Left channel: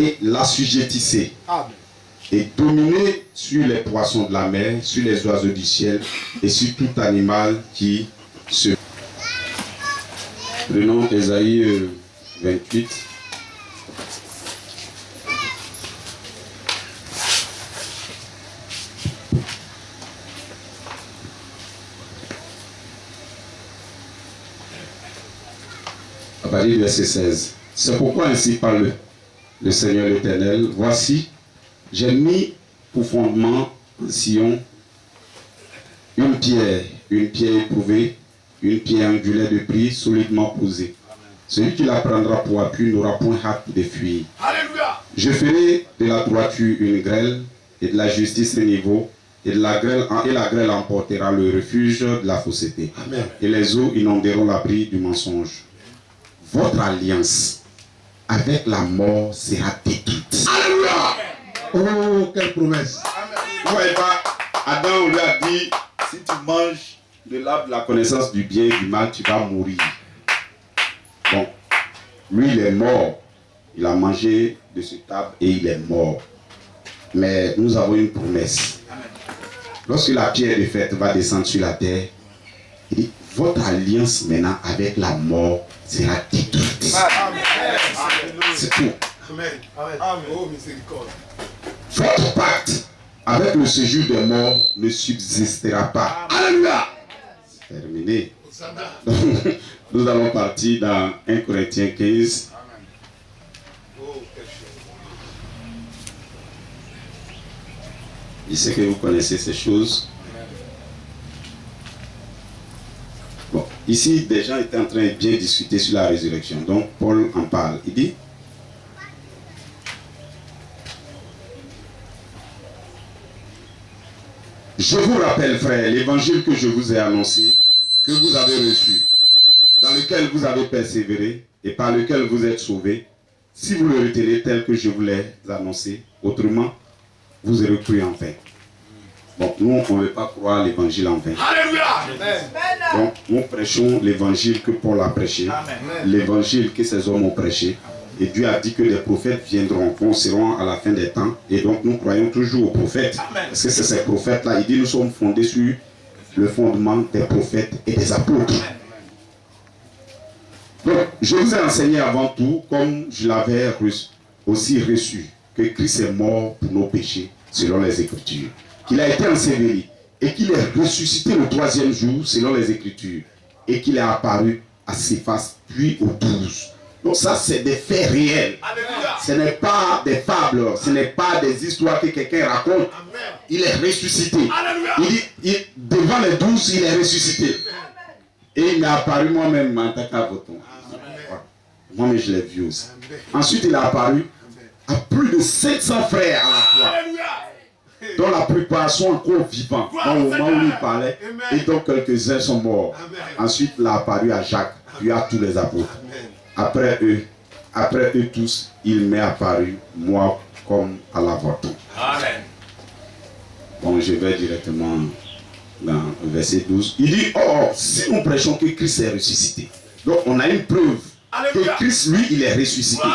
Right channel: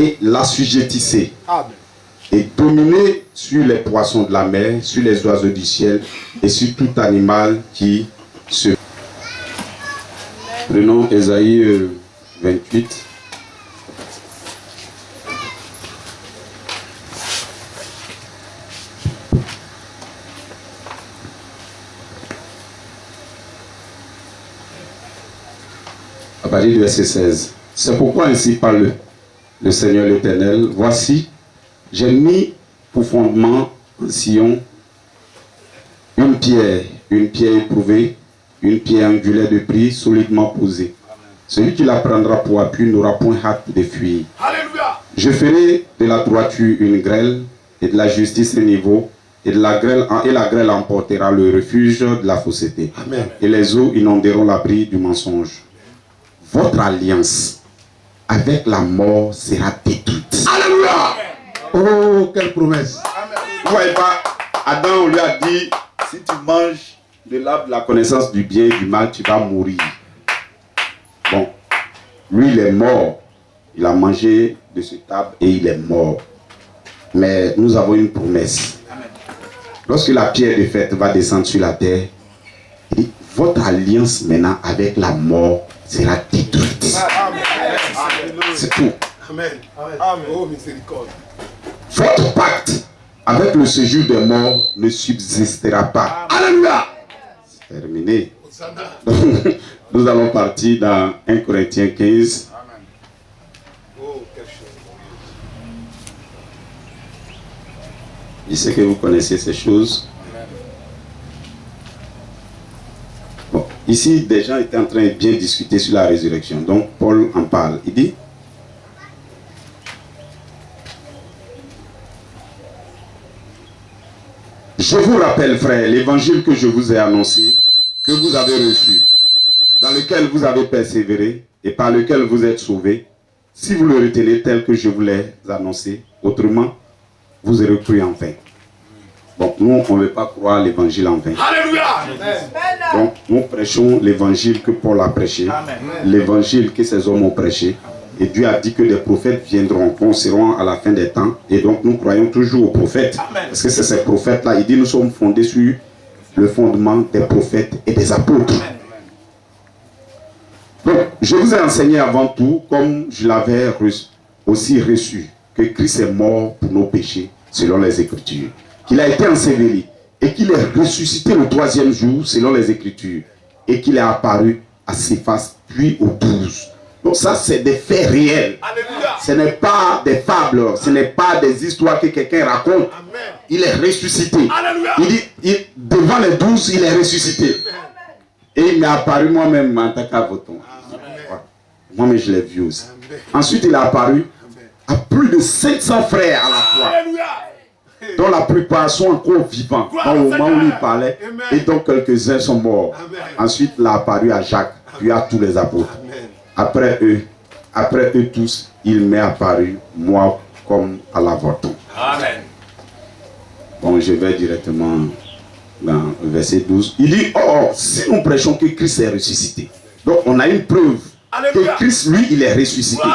et l'assujettissez. Et dominez sur les poissons de la mer, sur les oiseaux du ciel et sur tout animal qui se... Prenons Ésaïe 28. À partir du verset 16. C'est pourquoi ainsi parle le Seigneur l'Éternel. Voici, j'ai mis pour fondement en Sion une pierre éprouvée, une pierre angulaire de prix, solidement posée. Celui qui la prendra pour appui n'aura point hâte de fuir. Alléluia. Je ferai de la droiture une grêle et de la justice un niveau, et la grêle emportera le refuge de la fausseté. Amen. Et les eaux inonderont l'abri du mensonge. Votre alliance avec la mort sera détruite. Alléluia. Oh, quelle promesse. Vous voyez pas, Adam, on lui a dit, si tu manges de l'arbre de la connaissance du bien et du mal, tu vas mourir. Bon, lui il est mort. Il a mangé de ce arbre et il est mort. Mais nous avons une promesse. Lorsque la pierre de fête va descendre sur la terre, il dit, votre alliance maintenant avec la mort sera détruite. C'est tout. Amen. Amen. Oh, miséricorde. Votre pacte avec le séjour des morts ne subsistera pas. Alléluia. C'est terminé. Nous allons partir dans 1 Corinthiens 15. Je sais que vous connaissez ces choses. Bon, ici, des gens étaient en train de bien discuter sur la résurrection. Donc, Paul en parle. Il dit, je vous rappelle, frères, l'évangile que je vous ai annoncé, que vous avez reçu, dans lequel vous avez persévéré et par lequel vous êtes sauvés, si vous le retenez tel que je vous l'ai annoncé, autrement, vous aurez cru en vain. Donc nous, on ne veut pas croire l'évangile en vain. Alléluia. Donc nous prêchons l'évangile que Paul a prêché, l'évangile que ces hommes ont prêché. Et Dieu a dit que des prophètes viendront, seront à la fin des temps. Et donc nous croyons toujours aux prophètes. Parce que c'est ces prophètes-là. Il dit nous sommes fondés sur le fondement des prophètes et des apôtres. Donc je vous ai enseigné avant tout, comme je l'avais aussi reçu, que Christ est mort pour nos péchés, selon les Écritures. Qu'il a été enseveli et qu'il est ressuscité le 3e jour, selon les Écritures. Et qu'il est apparu à Céphas, puis aux 12. Donc ça, c'est des faits réels. Alléluia. Ce n'est pas des fables, ce n'est pas des histoires que quelqu'un raconte. Amen. Il est ressuscité. Alléluia. Il dit, devant les 12, il est ressuscité. Amen. Et il m'est apparu moi-même en tant qu'avocat. Moi-même, je l'ai vu aussi. Amen. Ensuite, il est apparu à plus de 700 frères à la fois. Alléluia. Dont la plupart sont encore vivants au moment où il parlait. Amen. Et donc quelques-uns sont morts. Amen. Ensuite, il a apparu à Jacques, puis à tous les apôtres. Amen. Après eux tous, il m'est apparu, moi, comme à l'avorton. Amen. Bon, je vais directement dans le verset 12. Il dit, oh, si nous prêchons que Christ est ressuscité. Donc, on a une preuve. Alléluia. Que Christ, lui, il est ressuscité.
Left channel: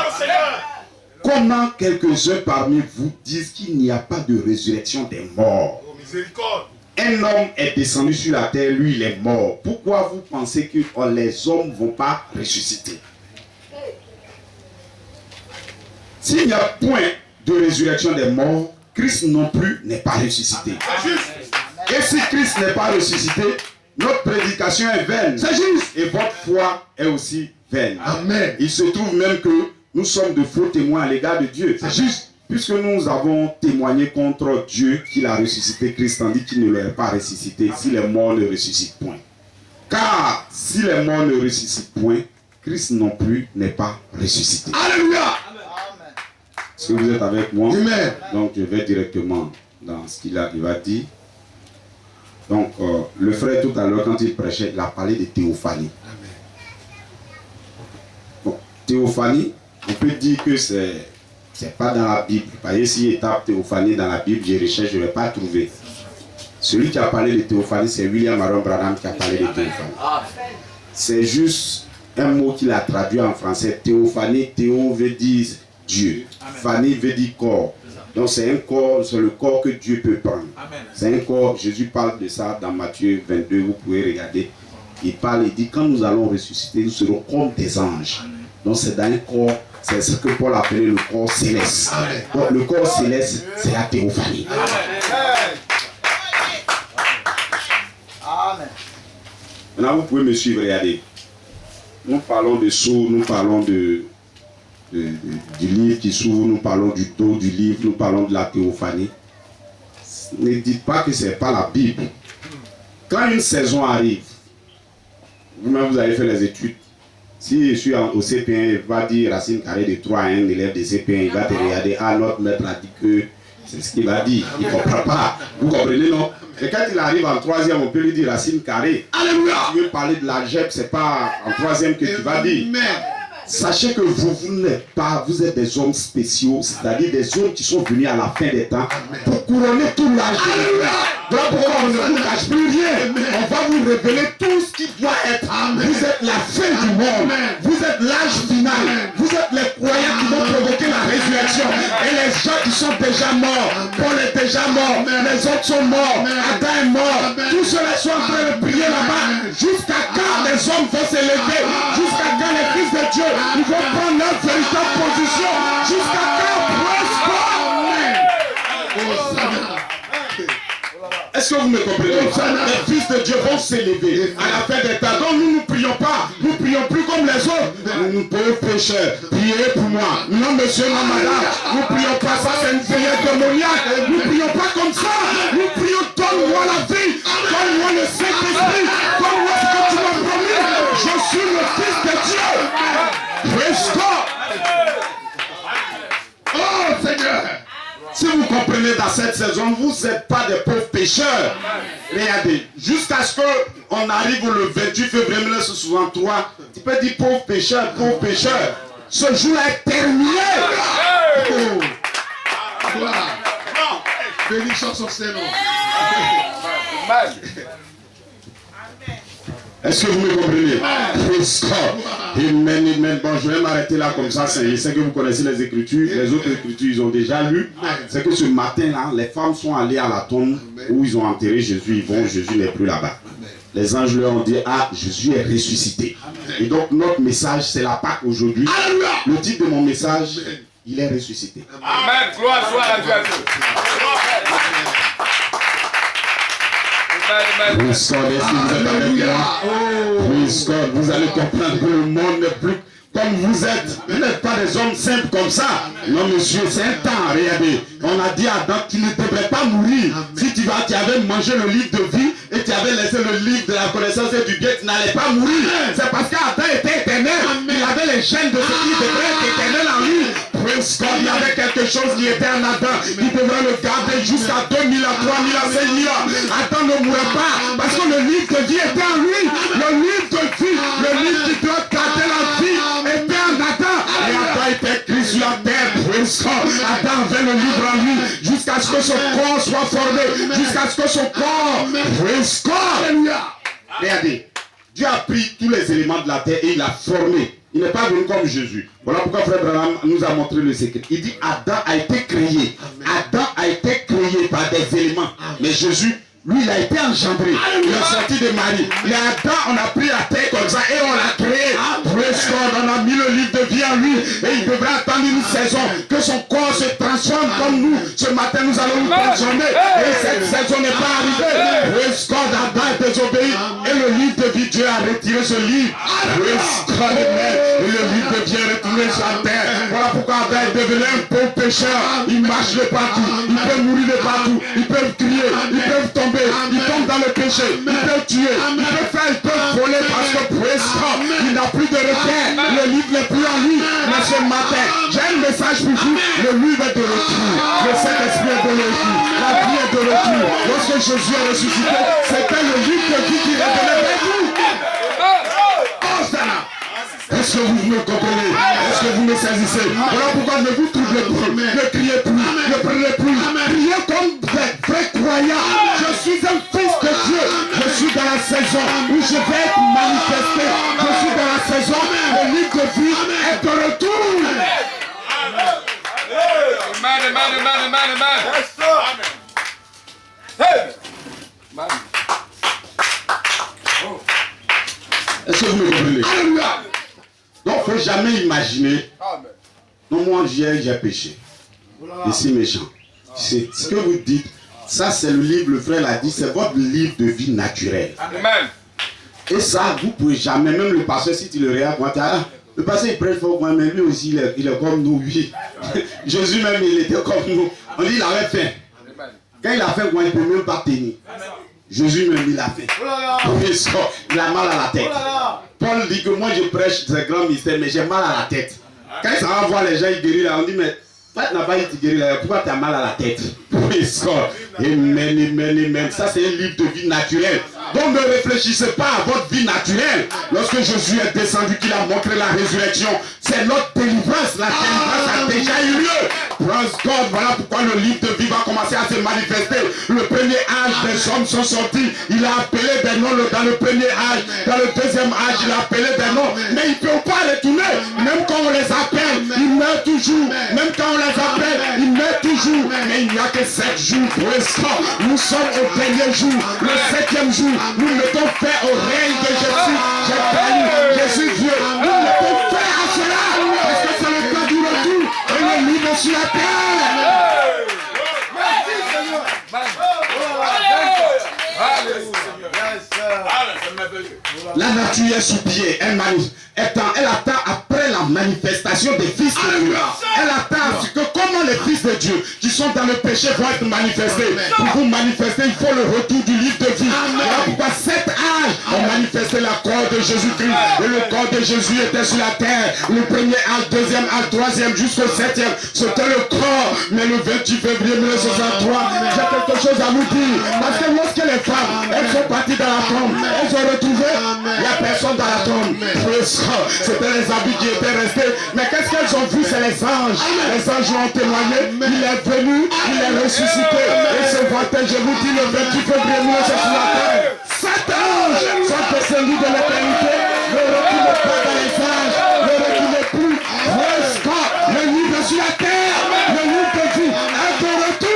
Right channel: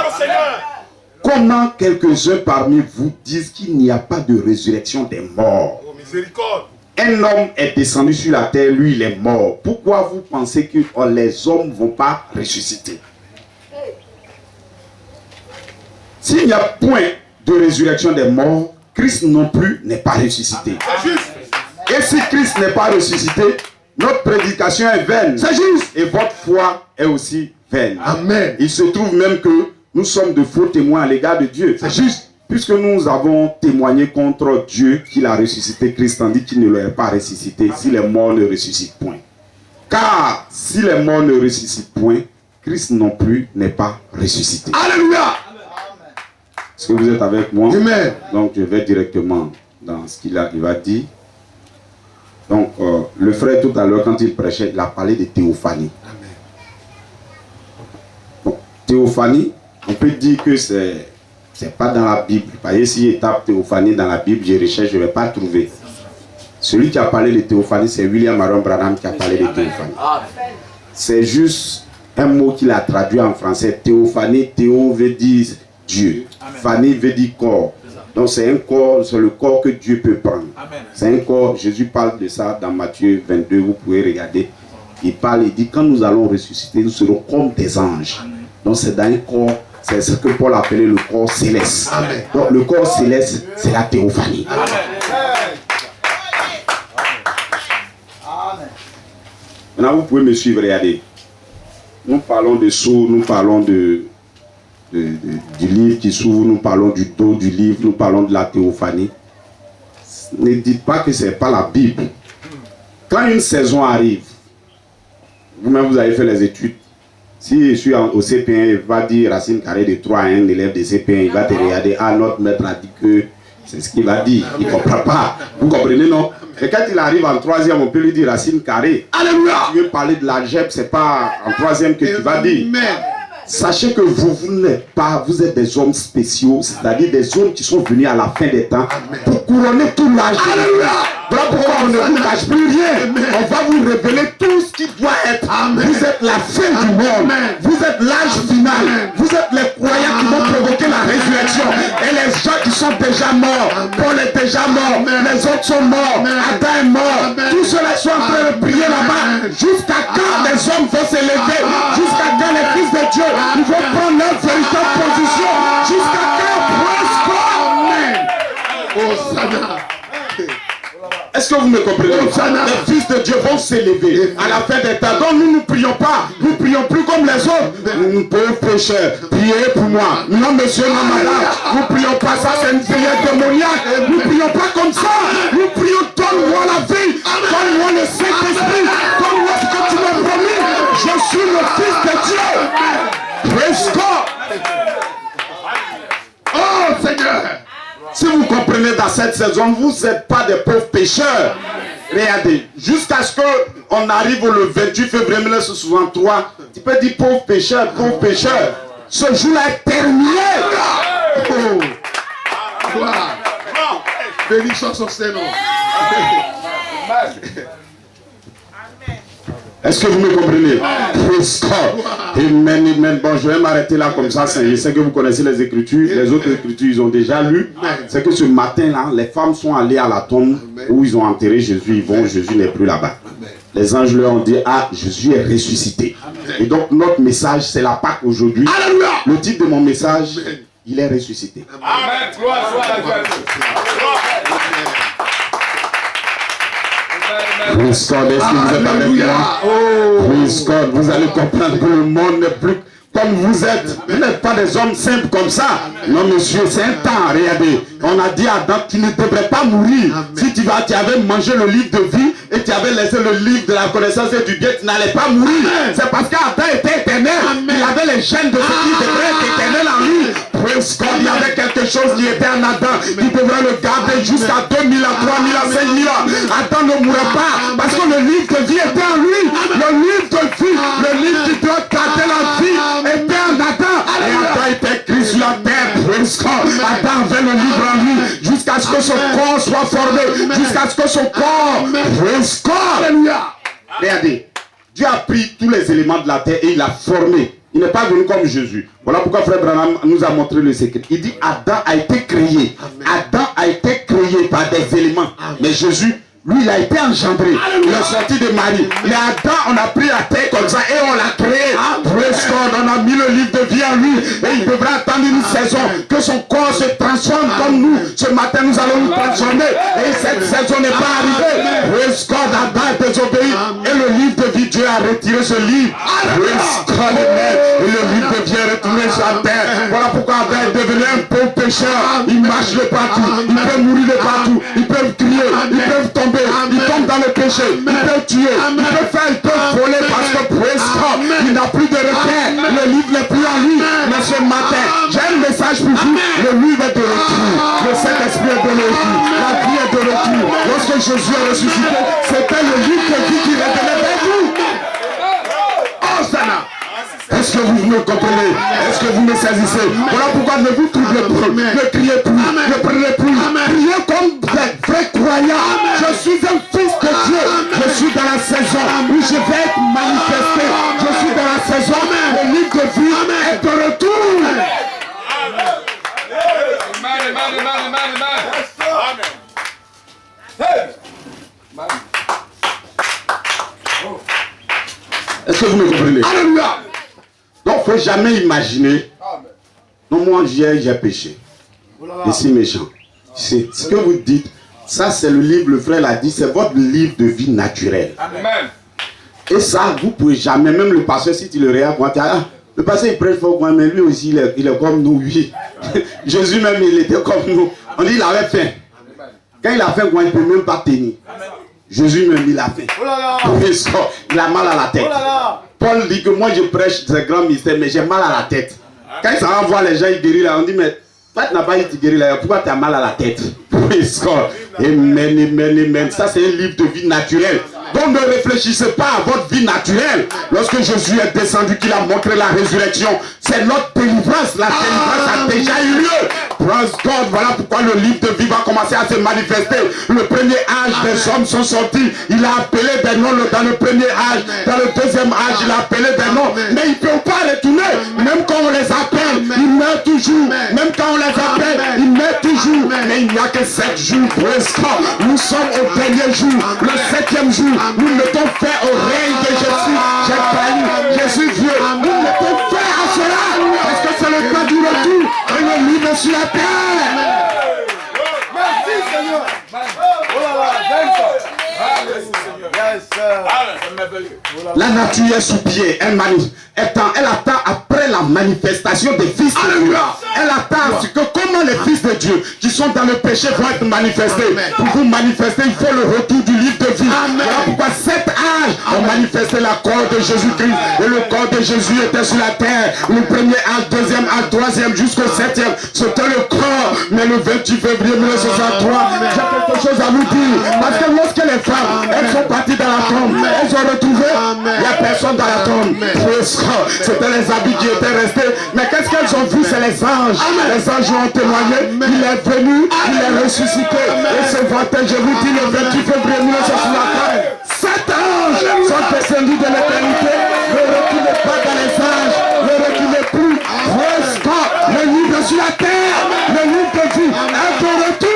Comment quelques-uns parmi vous disent qu'il n'y a pas de résurrection des morts? Oh, miséricorde. Un homme est descendu sur la terre, lui, il est mort. Pourquoi vous pensez que les hommes ne vont pas ressusciter? S'il n'y a point de résurrection des morts, Christ non plus n'est pas ressuscité. C'est juste. Et si Christ n'est pas ressuscité, notre prédication est vaine. C'est juste. Et votre foi est aussi vaine. Amen. Il se trouve même que nous sommes de faux témoins à l'égard de Dieu. C'est juste. Puisque nous avons témoigné contre Dieu qu'il a ressuscité Christ, tandis qu'il ne l'aurait pas ressuscité si les morts ne ressuscitent point. Car si les morts ne ressuscitent point, Christ non plus n'est pas ressuscité. Alléluia. Est-ce que vous êtes avec moi? Amen. Donc je vais directement dans ce qu'il va dire. Donc le frère tout à l'heure, quand il prêchait, il a parlé de théophanie. Amen. Donc, théophanie, on peut dire que c'est pas dans la Bible. Parce que si il tape théophanie dans la Bible, je recherche, je ne vais pas trouver. Celui qui a parlé de théophanie, c'est William Aaron Branham qui a parlé de théophanie. C'est juste un mot qu'il a traduit en français. Théophanie, théo veut dire Dieu. Fanny veut dire corps. Donc c'est un corps, c'est le corps que Dieu peut prendre. C'est un corps, Jésus parle de ça dans Matthieu 22, vous pouvez regarder. Il parle, il dit quand nous allons ressusciter, nous serons comme des anges. Donc c'est dans un corps, c'est ce que Paul appelait le corps céleste. Donc le corps céleste, c'est la théophanie. Maintenant vous pouvez me suivre, regardez. Nous parlons de sceaux, nous parlons du livre qui s'ouvre, nous parlons du dos du livre, nous parlons de la théophanie. Ne dites pas que ce n'est pas la Bible. Quand une saison arrive, vous-même vous avez fait les études, si je suis au CP1, il va dire racine carrée de 3 à 1 élève de CP1, il va te regarder, ah notre maître a dit que c'est ce qu'il va dire, il ne comprend pas. Vous comprenez, non? Et quand il arrive en 3e, on peut lui dire racine carrée. Alléluia! Si tu veux parler de l'algèbre, ce n'est pas en 3e que tu vas dire. Sachez que vous n'êtes pas, vous êtes des hommes spéciaux, c'est-à-dire des hommes qui sont venus à la fin des temps pour couronner tout l'âge. Voilà pourquoi on ne vous cache plus rien. On va vous révéler tout ce qui doit être. Vous êtes la fin du monde. Vous êtes l'âge final. Vous êtes les croyants qui vont provoquer la résurrection. Et les gens qui sont déjà morts. Paul est déjà mort. Les autres sont morts. Adam est mort. Tous ceux-là sont en train de prier là-bas. Jusqu'à quand les hommes vont s'élever. Jusqu'à quand les fils de Dieu ils vont prendre leur véritable position. Jusqu'à quand est-ce que vous me comprenez? Les fils de Dieu vont s'élever à la fin des temps. Donc nous ne prions pas. Nous ne prions plus comme les autres. Nous pauvres pécheurs, priez pour moi. Non monsieur, non madame. Nous ne prions pas ça, c'est une prière démoniaque. Nous ne prions pas comme ça. Nous prions, donne-moi la vie. Donne-moi le Saint-Esprit. Donne-moi ce que tu m'as promis. Je suis le fils de Dieu. Praise God. Oh Seigneur. Si vous comprenez dans cette saison, vous n'êtes pas des pauvres pécheurs. Regardez, jusqu'à ce qu'on arrive le 28 février 1963, tu peux dire pauvre pécheur, pauvre pécheur. Ce jour-là est terminé. Oh. Gloire. Bénédiction sur ses noms. Est-ce que vous me comprenez? Amen, amen. Bon, je vais m'arrêter là comme ça. Je sais que vous connaissez les Écritures. Les autres Écritures, ils ont déjà lu. C'est que ce matin-là, les femmes sont allées à la tombe où ils ont enterré Jésus. Jésus n'est plus là-bas. Les anges leur ont dit, ah, Jésus est ressuscité. Et donc, notre message, c'est la Pâque aujourd'hui. Le titre de mon message, il est ressuscité. Amen. Gloire soit à Dieu. Praise God, est-ce que vous êtes avec moi? Praise God, vous allez comprendre que le monde n'est plus comme vous êtes. Vous n'êtes pas des hommes simples comme ça. Non monsieur, c'est un temps, regardez. On a dit à Adam, tu ne devrais pas mourir. Si tu avais mangé le livre de vie et tu avais laissé le livre de la connaissance et du bien, tu n'allais pas mourir. C'est parce qu'Adam était éternel. Il avait les gènes de ce qui devrait être éternel en lui. Praise God, il y avait quelque chose qui était en Adam, qui devrait le garder jusqu'à 2000 ans, 3000 ans, 5000 ans. Adam ne mourrait pas, parce que le livre de vie était en lui. Le livre de vie, le livre qui doit garder la vie, était en Adam. Et Adam était écrit sur la terre. Praise God. Adam avait le livre en lui, jusqu'à ce que son corps soit formé, jusqu'à ce que son corps, praise God. Regardez, Dieu a pris tous les éléments de la terre et il a formé. Il n'est pas venu comme Jésus. Voilà pourquoi Frère Branham nous a montré le secret. Il dit Adam a été créé. Adam a été créé par des éléments. Mais Jésus, lui, il a été engendré. Il est sorti de Marie. Mais Adam, on a pris la terre comme ça et on l'a créé. Praise God, on a mis le livre de vie en lui. Et il devrait attendre une saison que son corps se transforme comme nous. Ce matin, nous allons nous transformer. Et cette saison n'est pas arrivée. Praise God, Adam est désobéi. Et le livre de vie, Dieu a retiré ce livre. Praise God, et le livre de vie est retourné sur la terre. Voilà pourquoi Adam est devenu un pauvre pécheur. Il marche de partout. Il peut mourir de partout. Ils peuvent crier. Ils peuvent tomber. Ils tombent dans le péché. Ils peuvent tuer. Ils peuvent faire. Ils peuvent voler parce que praise God, il n'a plus de repère. Le livre n'est plus en lui. Mais ce matin, j'ai un message pour vous. Le livre est de retour. Le Saint-Esprit est de retour. La vie est de retour. Lorsque Jésus est ressuscité, c'était le livre de vie qui revenait vers vous. Est-ce que vous me comprenez? Est-ce que vous me saisissez? Voilà pourquoi ne vous troublez plus, ne criez plus, ne prenez plus. Priez comme des vrais croyants. Je suis un fils de Dieu. Je suis dans la saison où je vais être manifesté. Je suis dans la saison où le livre de vie est de retour. Est-ce que vous me comprenez? Alléluia. Donc, il ne faut jamais imaginer. Non, moi, j'ai péché. Et c'est méchant. C'est ce que vous dites. Ça, c'est le livre, le frère l'a dit, c'est votre livre de vie naturelle. Amen. Et ça, vous ne pouvez jamais, même le pasteur, si tu le regardes, le pasteur il prêche fort, mais lui aussi, il est comme nous, oui. Jésus même, il était comme nous. On dit, il avait faim. Quand il a faim, il ne peut même pas tenir. Jésus même, il a faim. Il a mal à la tête. Paul dit que moi, je prêche ce grand mystère, mais j'ai mal à la tête. Quand il s'en va voir les gens, il guérit là, on dit, mais toi, tu n'as pas été guéri là, pourquoi tu as mal à la tête? Amen, amen, amen. Ça, c'est un livre de vie naturelle. Donc ne réfléchissez pas à votre vie naturelle. Lorsque Jésus est descendu, qu'il a montré la résurrection, c'est notre délivrance. La délivrance a déjà eu lieu. Praise God. Voilà pourquoi le livre de vie va commencer à se manifester. Le premier âge des hommes sont sortis. Il a appelé des noms dans le premier âge. Dans le deuxième âge, il a appelé des noms. Mais ils ne peuvent pas retourner. Même quand on les appelle, ils meurent toujours. Même quand on les appelle, ils meurent toujours. Mais il n'y a que 7 jours. Praise God. Nous sommes au dernier jour. Le 7e jour. Nous mettons fin au règne de Jésus. J'ai parlé, Jésus Dieu. Nous mettons fin à cela. Parce que c'est le temps du retour. Et le livre sur la terre. Merci Seigneur. La nature est sous pied. Elle attend après la manifestation des fils de Dieu. Elle attend que comment les fils de Dieu qui sont dans le péché vont être manifestés. Pour vous manifester, il faut le retour du livre de vie. Voilà pourquoi 7 âges ont manifesté la corps de Jésus-Christ. Et le corps de Jésus était sur la terre. Le premier âge, deuxième âge, troisième jusqu'au 7e. C'était le corps. Mais le 28 février 1963, j'ai quelque chose à vous dire. Parce que lorsque les femmes, elles sont parties dans la tombe, elles ont retrouvé, il n'y a personne dans la tombe. C'était les habits qui étaient restés. Mais qu'est-ce qu'elles ont vu? C'est les anges. Les anges ont témoigné. Il est venu, il est ressuscité. Et ce matin, je vous dis, le 28 février 1963, 7 anges sont descendus de l'éternité. Ne reculez pas dans les anges. Ne reculez plus. Le livre sur la terre. Le livre de vie est de retour.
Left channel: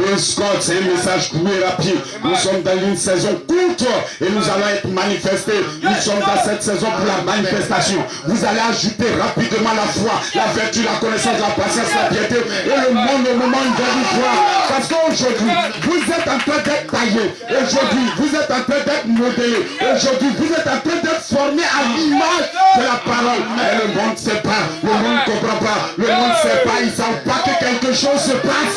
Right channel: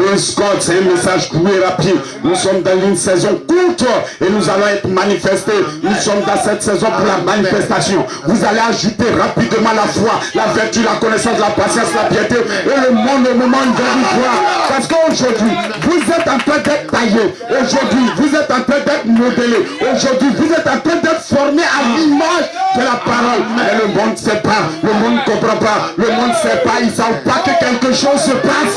Praise God, c'est un message court et rapide. Nous sommes dans une saison courte et nous allons être manifestés. Nous sommes dans cette saison pour la manifestation. Vous allez ajouter rapidement la foi, la vertu, la connaissance, la patience, la piété et le monde au moment où il va vous voir. Parce qu'aujourd'hui, vous êtes en train d'être taillé. Aujourd'hui, vous êtes en train d'être modelé. Aujourd'hui, vous êtes en train d'être formé à l'image de la parole. Mais le monde ne sait pas, le monde ne comprend pas, le monde ne sait pas, ils ne savent pas que quelque chose se passe.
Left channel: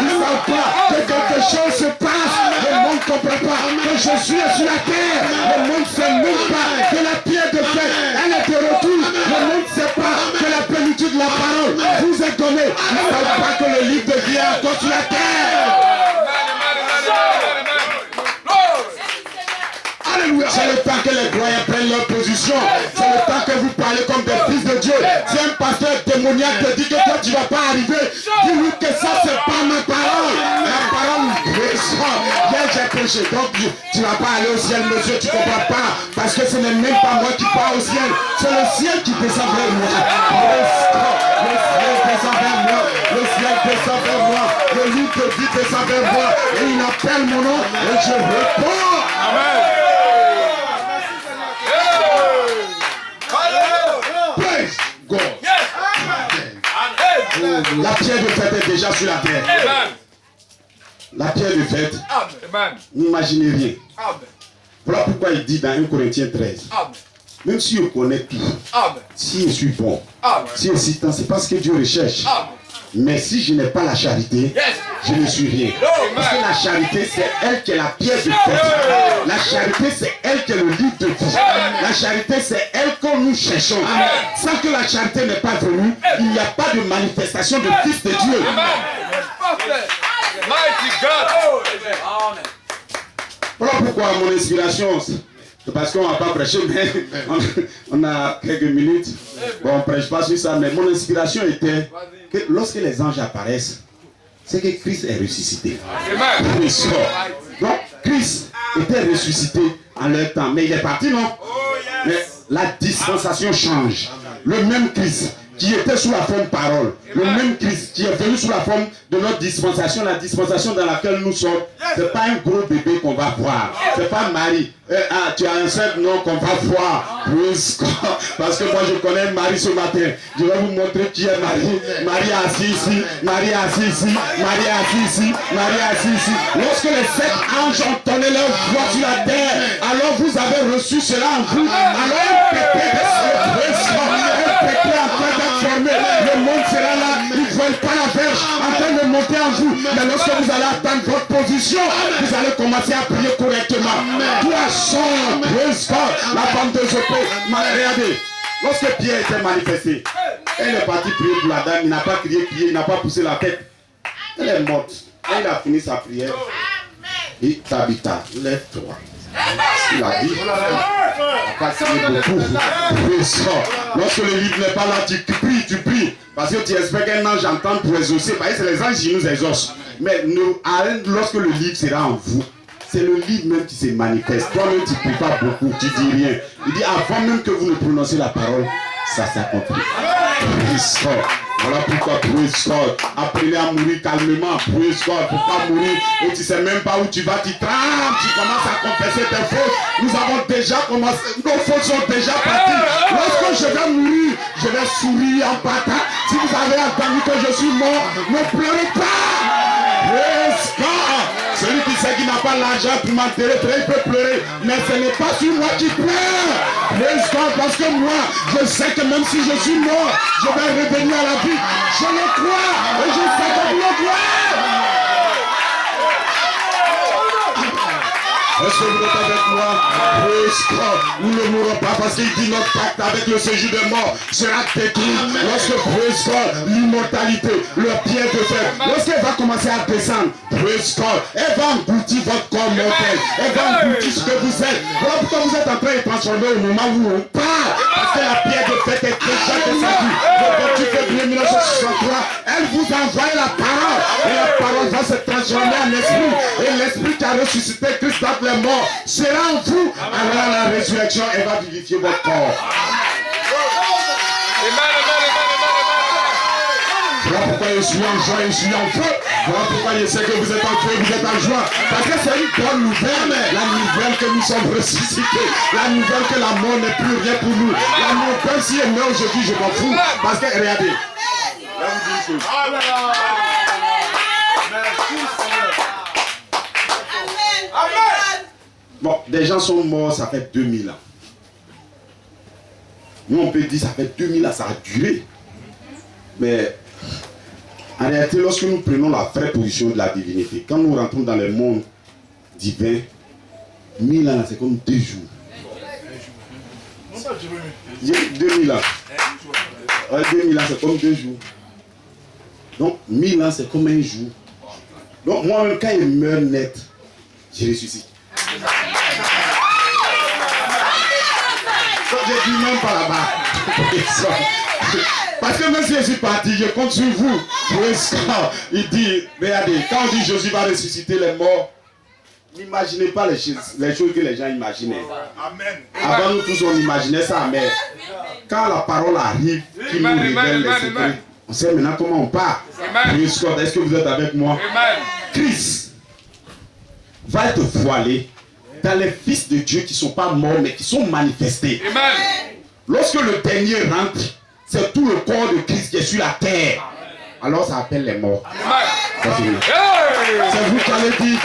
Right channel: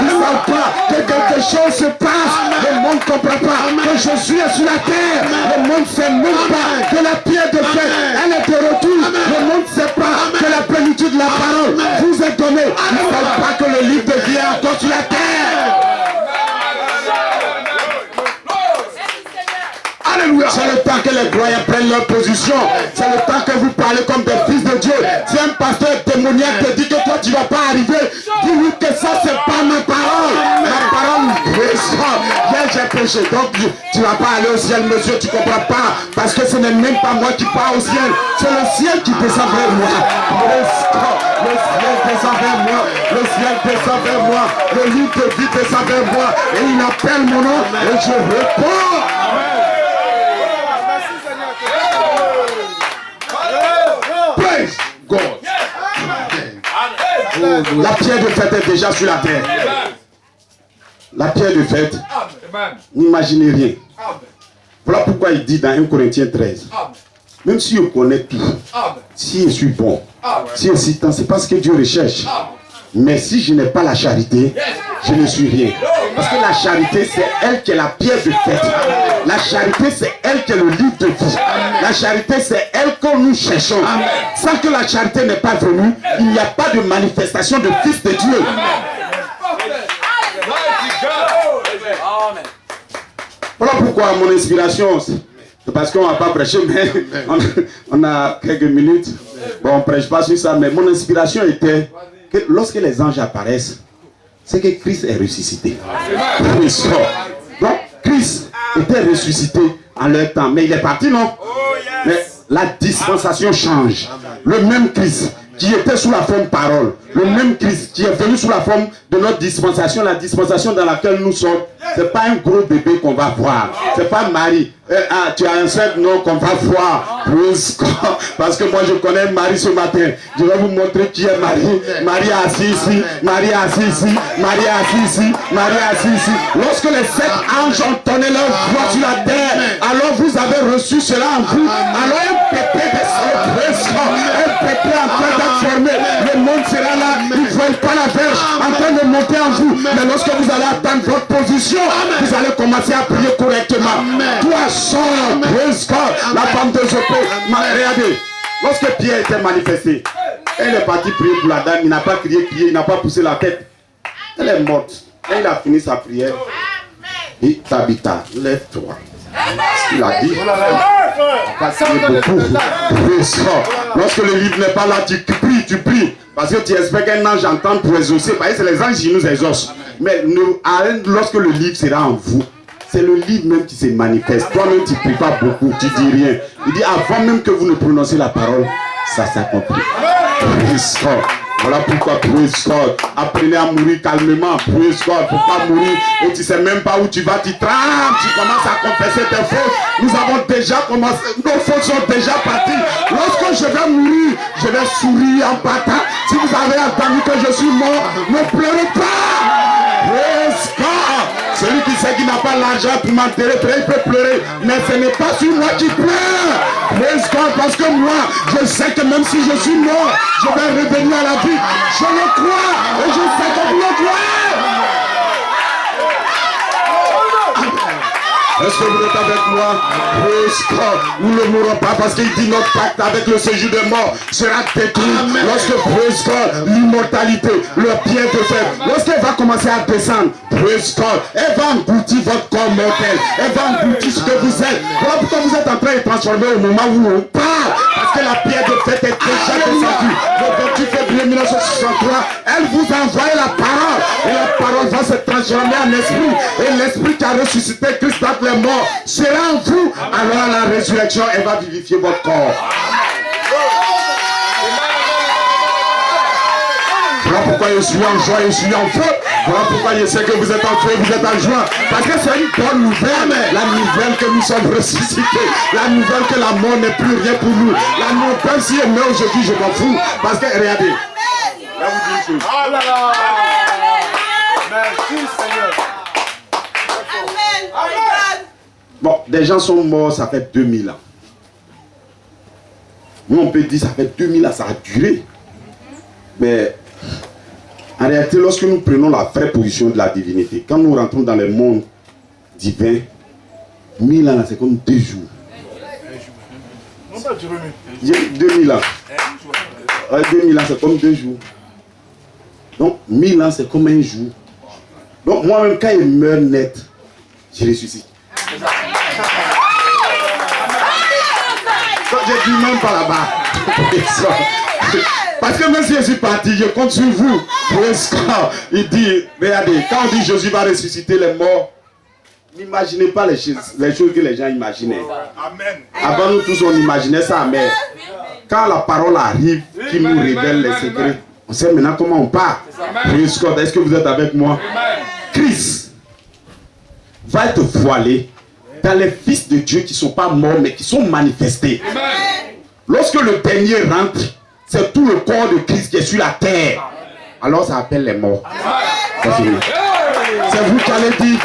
Ils ne savent pas que quelque chose se passe. Le monde ne comprend pas que Jésus est sur la terre. Le monde ne sait même pas que la pierre de fer, elle est de retour. Le monde ne sait pas que la plénitude de la parole vous est donnée. Ils ne savent pas que le livre de vie est encore sur la terre. Alléluia. C'est le temps que les croyants prennent leur position. C'est le temps que vous parlez comme des fils de Dieu. Si un pasteur démoniaque te dit que toi tu ne vas pas arriver, dis-lui que ça c'est pas ma parole. La parole hier j'ai péché, donc tu ne vas pas aller au ciel, monsieur, tu ne comprends pas. Parce que ce n'est même pas moi qui pars au ciel, c'est le ciel qui descend vers moi. Le ciel descend vers moi, le ciel descend vers moi, le livre de vie descend vers moi, et il appelle mon nom et je réponds. Amen. Praise God. La pierre de fête est déjà sur la terre. La pierre de fête, n'imaginez rien. Voilà pourquoi il dit dans 1 Corinthiens 13, même si je connais tout, si je suis bon, si je suis tant, c'est parce que Dieu recherche. Mais si je n'ai pas la charité, je ne suis rien. Parce que la charité, c'est elle qui est la pierre de fête. La charité, c'est elle qui est le livre de vie. La charité, c'est elle que nous cherchons. Sans que la charité n'est pas venue, il n'y a pas de manifestation de fils de Dieu. Voilà pourquoi mon inspiration, c'est parce qu'on ne va pas prêcher, mais on a quelques minutes. Bon, on ne prêche pas sur ça, mais mon inspiration était que lorsque les anges apparaissent, c'est que Christ est ressuscité. Donc, Christ était ressuscité en leur temps. Mais il est parti, non? Mais la dispensation change. Le même Christ qui était sous la forme parole, le même Christ qui est venu sous la forme de notre dispensation, la dispensation dans laquelle nous sommes, c'est pas un gros bébé qu'on va voir, c'est pas Marie. Tu as un seul nom qu'on va voir. Parce que moi je connais Marie ce matin. Je vais vous montrer qui est Marie. Marie est assise ici, Marie est assise ici, Marie est assise ici, Marie est assise ici. Lorsque les 7 anges entonnaient leur voix sur la terre, alors vous avez reçu cela en vous. Alors un pépé en train d'être formé, le monde sera là, ils ne veulent pas la verge en train de monter en vous. Mais lorsque vous allez atteindre votre position, vous allez commencer à prier correctement. Toi, sors, praise God, la femme de Jopé. Regardez, lorsque Pierre était manifesté, elle est partie prier pour la dame, il n'a pas crié, il n'a pas poussé la tête. Elle est morte. Et il a fini sa prière. Et Tabitha, lève-toi. Il a dit, beaucoup. Lorsque le livre n'est pas là, tu pries. Parce que tu espères qu'un ange entende pour exaucer. Parce que c'est les anges qui nous exaucent. Mais lorsque le livre sera en vous, c'est le livre même qui se manifeste. Toi-même, tu ne pries pas beaucoup, tu dis rien. Il dit, avant même que vous ne prononcez la parole, ça s'accomplit. Voilà pourquoi, praise God, apprenez à mourir calmement, praise God, pour pas mourir, et tu sais même pas où tu vas, tu trembles, tu commences à confesser tes fautes. Nous avons déjà commencé, nos fautes sont déjà parties. Lorsque je vais mourir, je vais sourire en partant. Si vous avez entendu que je suis mort, ne pleurez pas. Praise God. Celui qui sait qu'il n'a pas l'argent pour m'enterrer, il peut pleurer. Mais ce n'est pas sur moi qui pleure. Praise God, parce que moi, je sais que même si je suis mort, je vais revenir à la vie. Je le crois et je sais que vous le croyez. Est-ce que vous êtes avec moi? Praise God. Nous ne mourrons pas parce qu'il dit notre pacte avec le séjour des morts sera détruit. Lorsque, praise God, l'immortalité, le pied de fer, lorsqu'elle va commencer à descendre, praise God, elle va engloutir votre corps mortel. Elle va engloutir ce que vous êtes. Voilà pourquoi vous êtes en train de transformer au moment où on parle. Parce que la pierre de fer est déjà descendue. Le 28 février 1963, elle vous a envoyé la parole. Et la parole va se transformer en esprit. Et l'esprit qui a ressuscité Christ dans les morts sera en vous. Alors à la résurrection, elle va vivifier votre corps. Voilà pourquoi je suis en joie, je suis en feu. Voilà pourquoi je sais que vous êtes en feu, vous êtes en joie. Parce que c'est une bonne nouvelle. La nouvelle que nous sommes ressuscités. La nouvelle que la mort n'est plus rien pour nous. La nouvelle, si elle meurt aujourd'hui, je m'en fous. Parce que regardez. Là vous dites une chose. Merci Seigneur. Bon, des gens sont morts, ça fait 2000 ans. Nous, on peut dire, ça fait 2000 ans, ça a duré. Mais, en réalité, lorsque nous prenons la vraie position de la divinité, quand nous rentrons dans le monde divin, 1000 ans, c'est comme 2 jours. Non, pas Jérémie. 2000 ans. 2000 ans, c'est comme 2 jours. Donc, 1000 ans, c'est comme un jour. Donc, moi-même, quand il meurt net, je ressuscite. Je dis même pas là-bas. Parce que même si je suis parti, je compte sur vous. Il dit, regardez, quand on dit Jésus va ressusciter les morts, n'imaginez pas les choses que les gens imaginaient. Amen. Avant nous tous, on imaginait ça, mais quand la parole arrive, qui nous révèle les secrets, on sait maintenant comment on part. Est-ce que vous êtes avec moi? Christ va être voilé dans les fils de Dieu qui ne sont pas morts mais qui sont manifestés. Lorsque le dernier rentre, c'est tout le corps de Christ qui est sur la terre. Alors ça appelle les morts. C'est vous qui allez dire,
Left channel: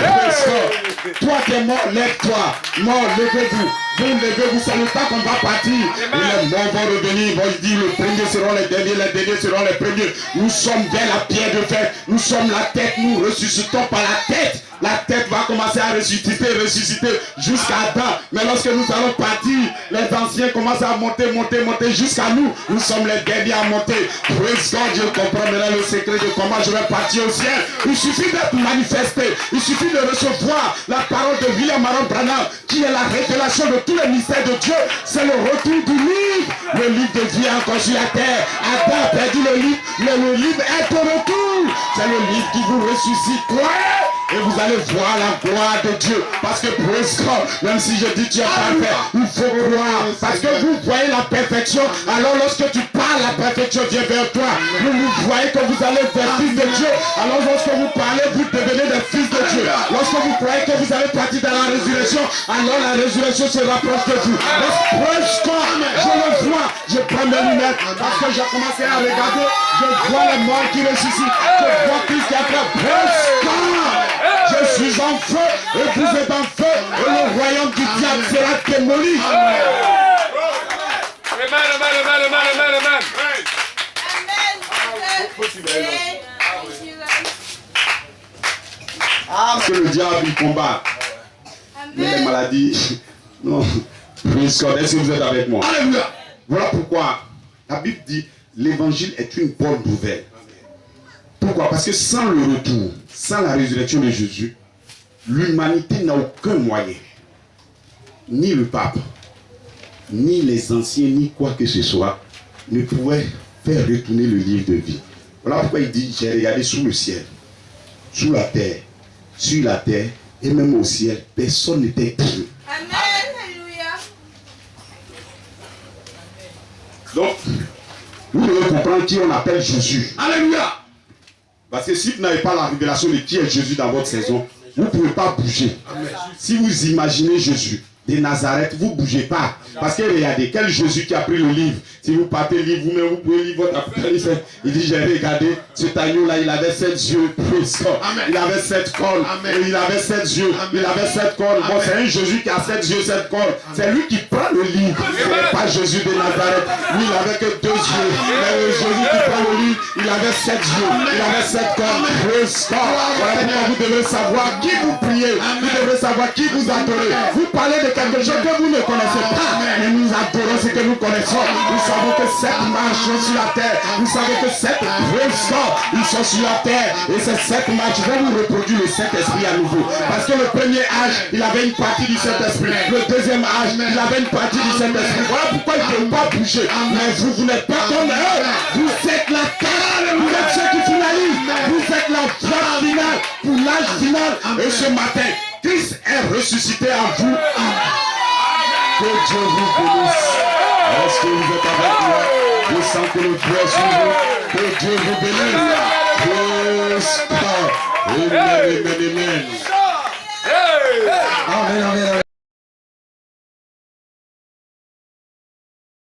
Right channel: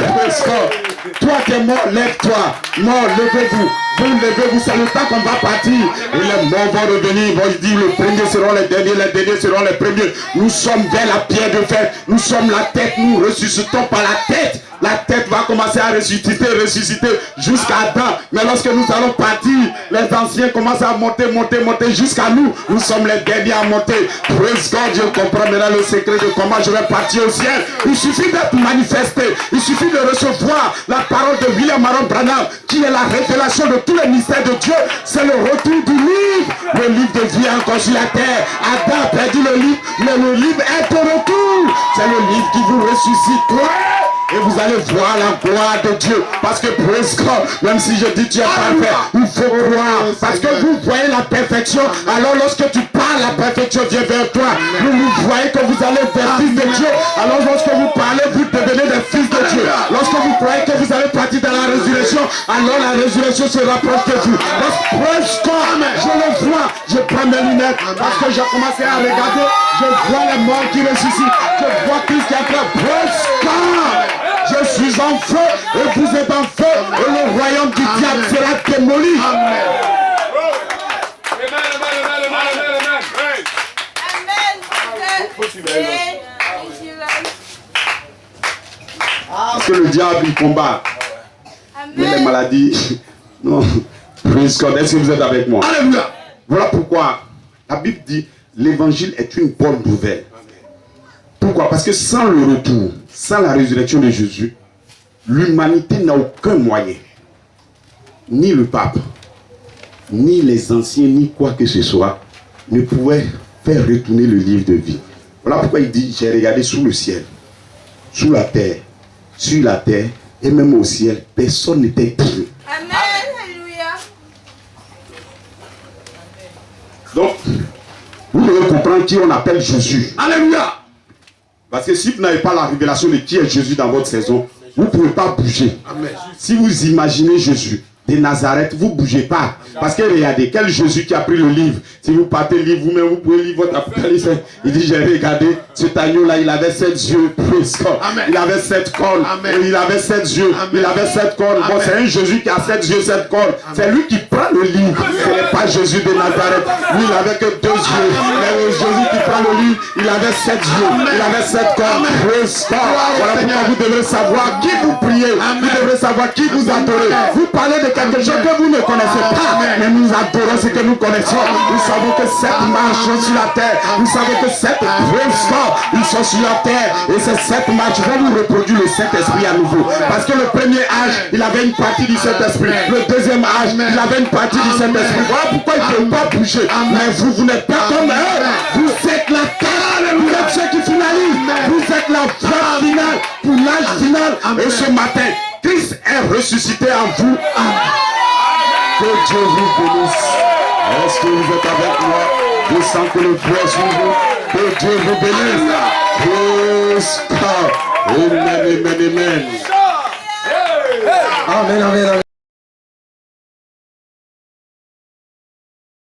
toi qui es mort, lève-toi. Non, levez-vous. Vous levez-vous, c'est le temps qu'on va partir. Et les morts vont revenir, ils vont dire, les premiers seront les derniers seront les premiers. Nous sommes vers la pierre de fer. Nous sommes la tête, nous ressuscitons par la tête. La tête va commencer à ressusciter jusqu'à Adam. Mais lorsque nous allons partir, les anciens commencent à monter jusqu'à nous. Nous sommes les derniers à monter. Praise God, je comprends maintenant le secret de comment je vais partir au ciel. Il suffit d'être manifesté. Il suffit de recevoir la parole de William Aaron Branham, qui est la révélation de tous les mystères de Dieu. C'est le retour du livre. Le livre de vie est encore sur la terre. Adam a perdu le livre, mais le livre est au retour. C'est le livre qui vous ressuscite. Croyez Et vous allez voir la gloire de Dieu. Parce que praise God, même si je dis Dieu est parfait, il faut croire. Parce que vous voyez la perfection. Alors lorsque tu parles, la perfection vient vers toi. Vous voyez que vous allez vers fils de Dieu. Alors lorsque vous parlez, vous devenez des fils de Dieu. Lorsque vous croyez que vous allez partir dans la résurrection, alors la résurrection se rapproche de vous. Praise God, je le vois. Je prends mes lunettes parce que j'ai commencé à regarder. Je vois les morts qui ressuscitent. Je vois Christ qui a fait. Praise God. Je suis en feu et vous êtes en feu et le royaume du diable sera démoli. Amen. Parce que le diable il combat. Mais les maladies. Non. Praise God. Est-ce que vous êtes avec moi? Alléluia. Voilà pourquoi la Bible dit l'évangile est une bonne nouvelle. Pourquoi? Parce que sans le retour, sans la résurrection de Jésus, l'humanité n'a aucun moyen. Ni le pape, ni les anciens, ni quoi que ce soit, ne pouvaient faire retourner le livre de vie. Voilà pourquoi il dit, j'ai regardé sous le ciel, sous la terre, sur la terre, et même au ciel, personne n'était digne. Amen. Alléluia. Donc, vous devez comprendre qui on appelle Jésus. Alléluia. Parce que si vous n'avez pas la révélation de qui est Jésus dans votre saison, vous ne pouvez pas bouger. Amen. Si vous imaginez Jésus de Nazareth, vous ne bougez pas. Parce que regardez, quel Jésus qui a pris le livre. Si vous partez le livre vous-même, vous pouvez lire votre Apocalypse. Il dit, j'ai regardé cet agneau-là, il avait 7 yeux. Il avait 7 cornes. Il avait 7 yeux. Il avait 7 cornes. Bon, c'est un Jésus qui a 7 yeux, 7 cornes. C'est lui qui prend le livre. Ce n'est pas Jésus de Nazareth. Lui, il n'avait que 2 yeux. Mais Jésus qui prend le livre, il avait 7 yeux. Il avait 7 cornes. Voilà pourquoi vous devez savoir qui vous priez. Vous devez savoir qui vous adorez. Vous parlez de quelque chose que vous ne connaissez pas. Mais nous adorons ce que nous connaissons. Nous savons que 7 marches sont sur la terre. Nous savons que 7 présidents, ils sont sur la terre. Et ces 7 marches vont nous reproduire le Saint-Esprit à nouveau. Parce que le premier âge, il avait une partie du Saint-Esprit. Le deuxième âge, il avait une partie du Saint-Esprit. Voilà pourquoi il ne peut pas bouger. Mais vous n'êtes pas comme eux. Vous êtes la terre. Vous êtes ceux qui finalisent. Vous êtes la phase finale pour l'âge final. Et ce matin, Christ est ressuscité en vous. Que Dieu vous bénisse. Est-ce que vous êtes avec moi? Je sens que le Dieu est sur vous. Que Dieu vous bénisse. Praise God. Amen, amen, amen. Amen, amen, amen.